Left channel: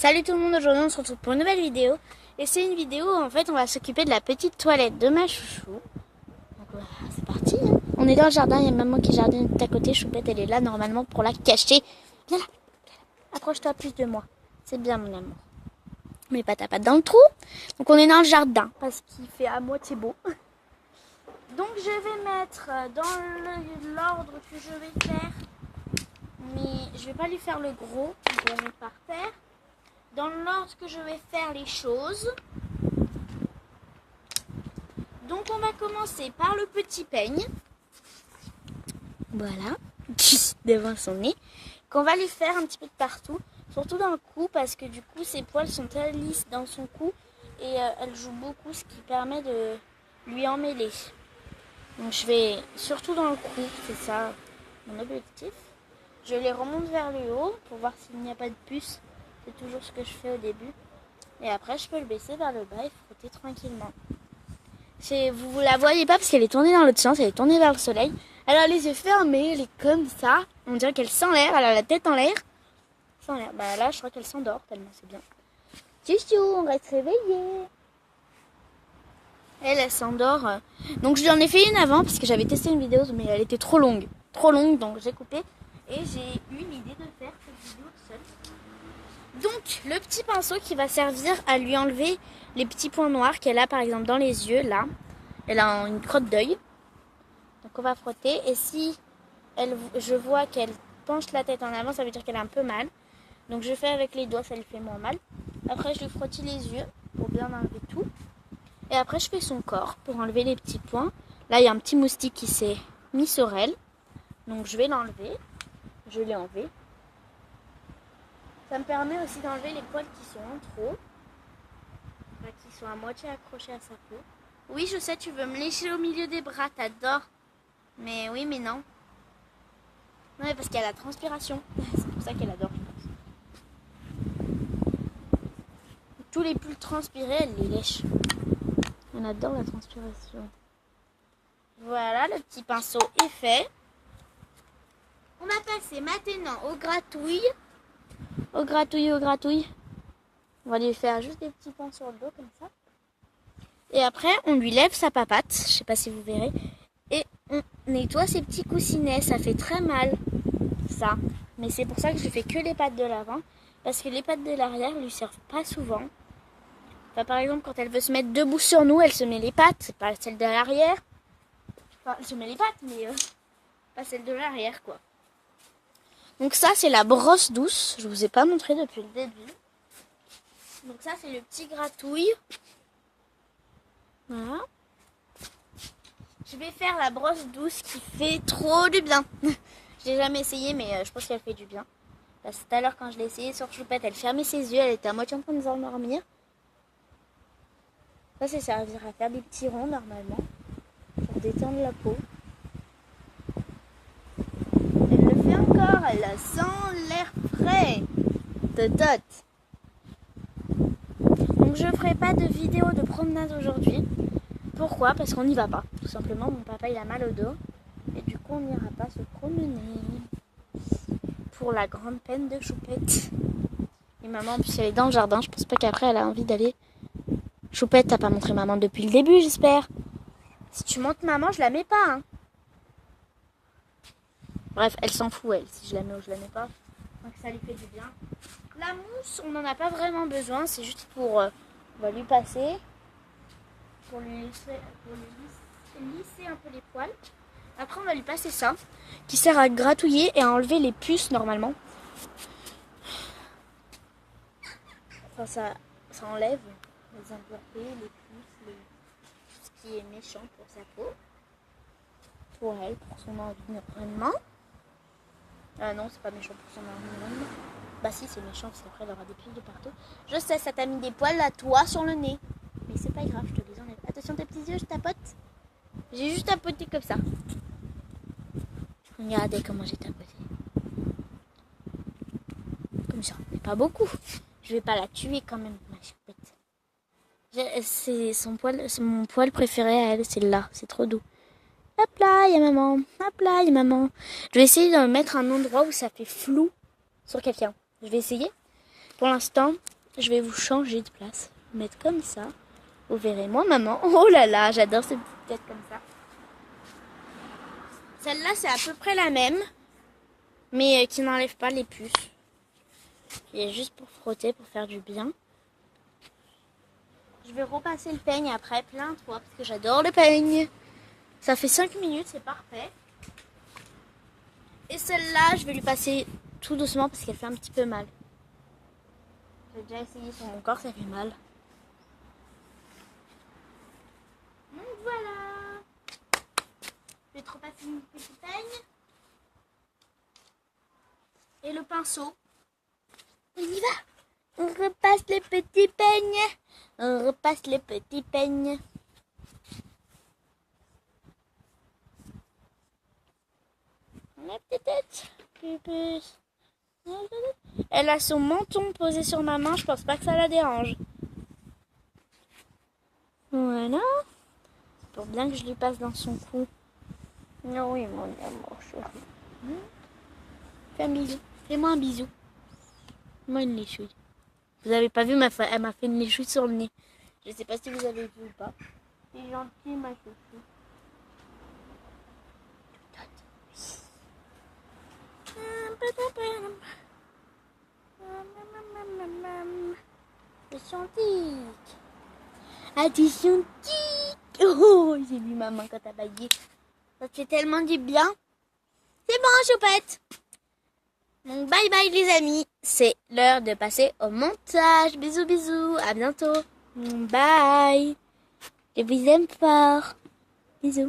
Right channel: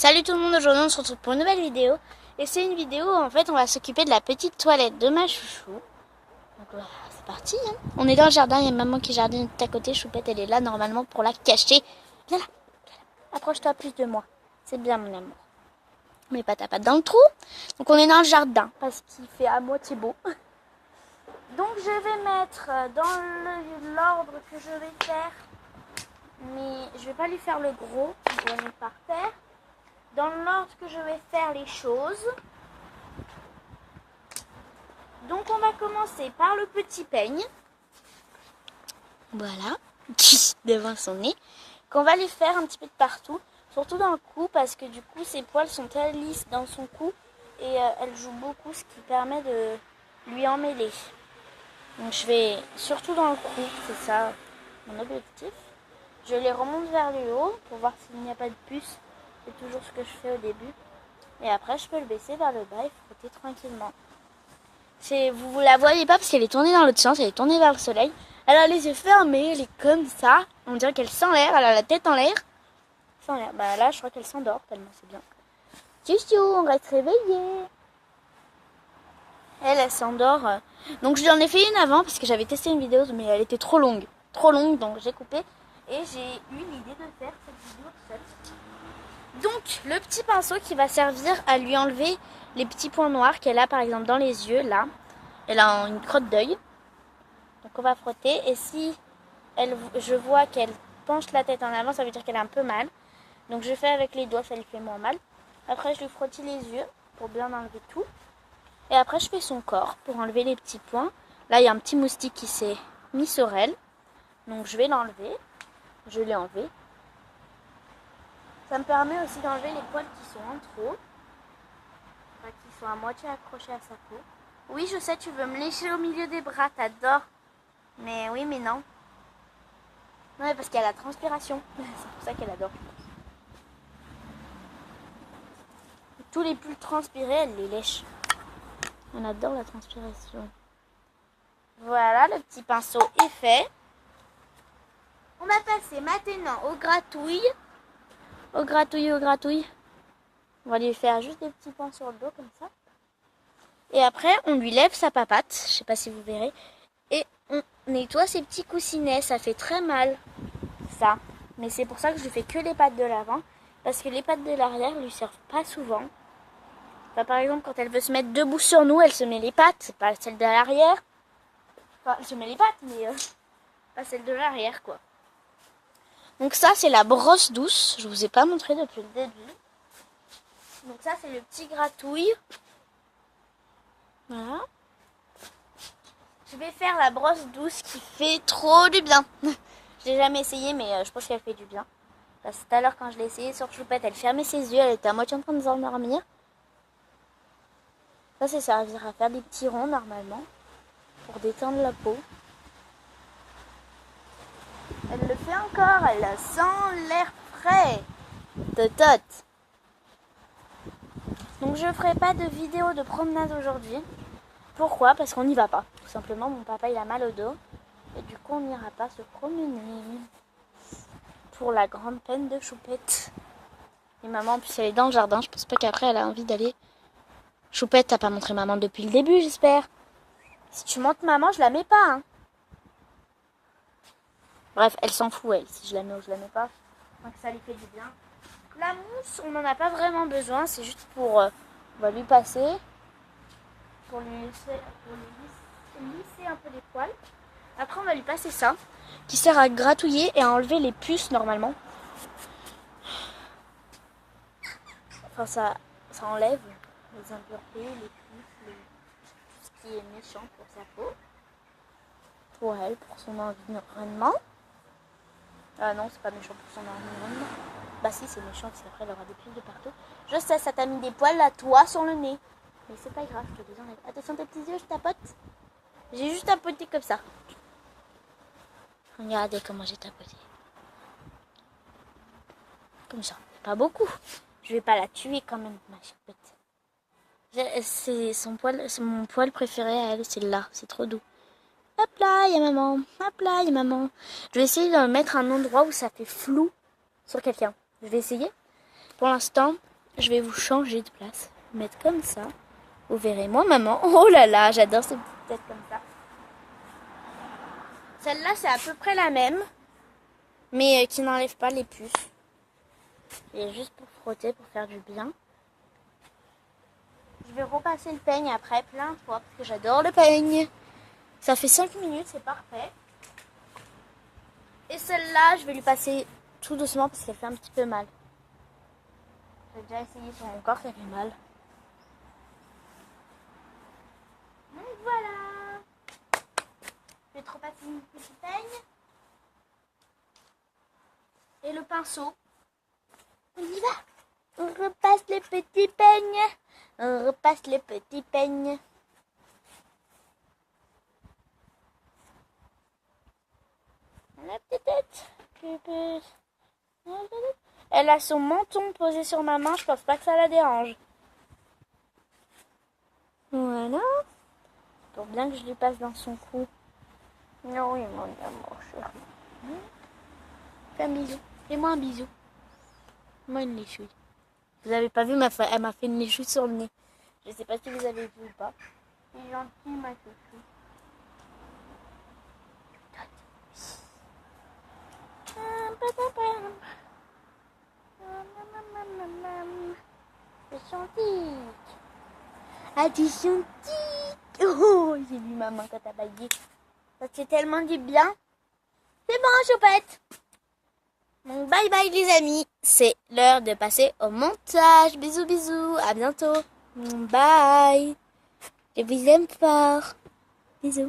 Salut tout le monde, aujourd'hui on se retrouve pour une nouvelle vidéo. Et c'est une vidéo où en fait on va s'occuper de la petite toilette de ma chouchou. Donc voilà, c'est parti hein. On est dans le jardin, il y a maman qui jardine tout à côté. Choupette elle est là normalement pour la cacher. Viens là, accroche-toi plus de moi. C'est bien mon amour. Mais pas ta patte dans le trou. Donc on est dans le jardin parce qu'il fait à moitié beau. Donc je vais mettre dans l'ordre que je vais faire. Mais je vais pas lui faire le gros, je vais le mettre par terre. Dans l'ordre que je vais faire les choses. Donc on va commencer par le petit peigne. Voilà. Devant son nez. Qu'on va lui faire un petit peu de partout. Surtout dans le cou parce que du coup ses poils sont très lisses dans son cou. Et elle joue beaucoup ce qui permet de lui emmêler. Donc je vais surtout dans le cou. C'est ça mon objectif. Je les remonte vers le haut pour voir s'il n'y a pas de puce. C'est toujours ce que je fais au début. Et après, je peux le baisser vers le bas et frotter tranquillement. Vous la voyez pas parce qu'elle est tournée dans l'autre sens. Elle est tournée vers le soleil. Elle a les yeux fermés. Elle est comme ça. On dirait qu'elle sent l'air. Elle a la tête en l'air. Sans l'air. Bah là, je crois qu'elle s'endort tellement c'est bien. Tchou, on reste réveillé. Elle s'endort. Donc je lui en ai fait une avant parce que j'avais testé une vidéo mais elle était trop longue. Trop longue donc j'ai coupé. Et j'ai eu l'idée de faire cette vidéo seule. Donc, le petit pinceau qui va servir à lui enlever les petits points noirs qu'elle a par exemple dans les yeux, là. Elle a une crotte d'œil. Donc on va frotter. Et si je vois qu'elle penche la tête en avant, ça veut dire qu'elle a un peu mal. Donc je fais avec les doigts, ça lui fait moins mal. Après je lui frotte les yeux pour bien enlever tout. Et après je fais son corps pour enlever les petits points. Là il y a un petit moustique qui s'est mis sur elle. Donc je vais l'enlever. Je l'ai enlevé. Ça me permet aussi d'enlever les poils qui sont en trop. Enfin, qui sont à moitié accrochés à sa peau. Oui, je sais, tu veux me lécher au milieu des bras, t'adores. Mais oui, mais non. Non, mais parce qu'il y a la transpiration. C'est pour ça qu'elle adore, je pense. Tous les pulls transpirés, elle les lèche. On adore la transpiration. Voilà, le petit pinceau est fait. On va passer maintenant au gratouille. Au gratouille. On va lui faire juste des petits points sur le dos comme ça. Et après, on lui lève sa papate. Je sais pas si vous verrez. Et on nettoie ses petits coussinets. Ça fait très mal, ça. Mais c'est pour ça que je fais que les pattes de l'avant. Parce que les pattes de l'arrière lui servent pas souvent. Enfin, par exemple, quand elle veut se mettre debout sur nous, elle se met les pattes. C'est pas celle de l'arrière. Enfin, elle se met les pattes, mais pas celle de l'arrière, quoi. Donc ça, c'est la brosse douce. Je vous ai pas montré depuis le début. Donc ça, c'est le petit gratouille. Voilà. Je vais faire la brosse douce qui fait trop du bien. Je l'ai jamais essayé, mais je pense qu'elle fait du bien. Parce que tout à l'heure, quand je l'ai essayé sur Choupette, elle fermait ses yeux. Elle était à moitié en train de s'endormir. Ça, c'est servir à faire des petits ronds, normalement. Pour détendre la peau. Elle le fait encore. Elle sent l'air frais. Totote. Donc je ferai pas de vidéo de promenade aujourd'hui. Pourquoi? Parce qu'on n'y va pas. Tout simplement, mon papa il a mal au dos. Et du coup, on n'ira pas se promener. Pour la grande peine de Choupette. Et maman, en plus, elle est dans le jardin. Je pense pas qu'après, elle a envie d'aller. Choupette, t'as pas montré maman depuis le début, j'espère. Si tu montres maman, je la mets pas. Hein. Bref, elle s'en fout, elle. Si je la mets ou je la mets pas. Donc ça lui fait du bien. La mousse, on n'en a pas vraiment besoin. C'est juste pour... on va lui passer. Pour lui lisser un peu les poils. Après, on va lui passer ça. Qui sert à gratouiller et à enlever les puces, normalement. Enfin, ça enlève les impuretés, les puces, tout ce qui est méchant pour sa peau. Pour elle, pour son environnement. Ah non, c'est pas méchant pour son environnement. Bah si, c'est méchant parce qu'après elle aura des puces de partout. Je sais, ça t'a mis des poils à toi sur le nez. Mais c'est pas grave, je te les enlève. Attention tes petits yeux, je tapote. J'ai juste tapoté comme ça. Regardez comment j'ai tapoté. Comme ça, mais pas beaucoup. Je vais pas la tuer quand même, ma Choupette. C'est mon poil préféré à elle, c'est là, c'est trop doux. Hop là, il y a maman. Hop là, il y a maman. Je vais essayer de le mettre à un endroit où ça fait flou sur quelqu'un. Je vais essayer. Pour l'instant, je vais vous changer de place. Mettre comme ça. Vous verrez, moi, maman. Oh là là, j'adore ces petites têtes comme ça. Celle-là, c'est à peu près la même. Mais qui n'enlève pas les puces. Et juste pour frotter, pour faire du bien. Je vais repasser le peigne après plein de fois parce que j'adore le peigne. Ça fait 5 minutes, c'est parfait. Et celle-là, je vais lui passer tout doucement parce qu'elle fait un petit peu mal. J'ai déjà essayé sur mon corps, ça fait mal. Donc voilà. Je vais te repasser une petite peigne. Et le pinceau. On y va. On repasse les petits peignes. On repasse les petits peignes. La petite tête. Elle a son menton posé sur ma main. Je pense pas que ça la dérange. Voilà. C'est pour bien que je lui passe dans son cou. Non, oui, mon amour chéri. Fais un bisou. Fais-moi un bisou. Moi une léchouille. Vous avez pas vu, elle m'a fait une léchouille sur le nez. Je sais pas si vous avez vu ou pas. C'est gentil, ma léchouille. Attention tic. Attention tic. Oh, j'ai vu maman quand t'as baillé. Ça te fait tellement du bien. C'est bon, choupette. Donc bye bye les amis. C'est l'heure de passer au montage. Bisous bisous. À bientôt. Bye. Je vous aime fort. Bisous.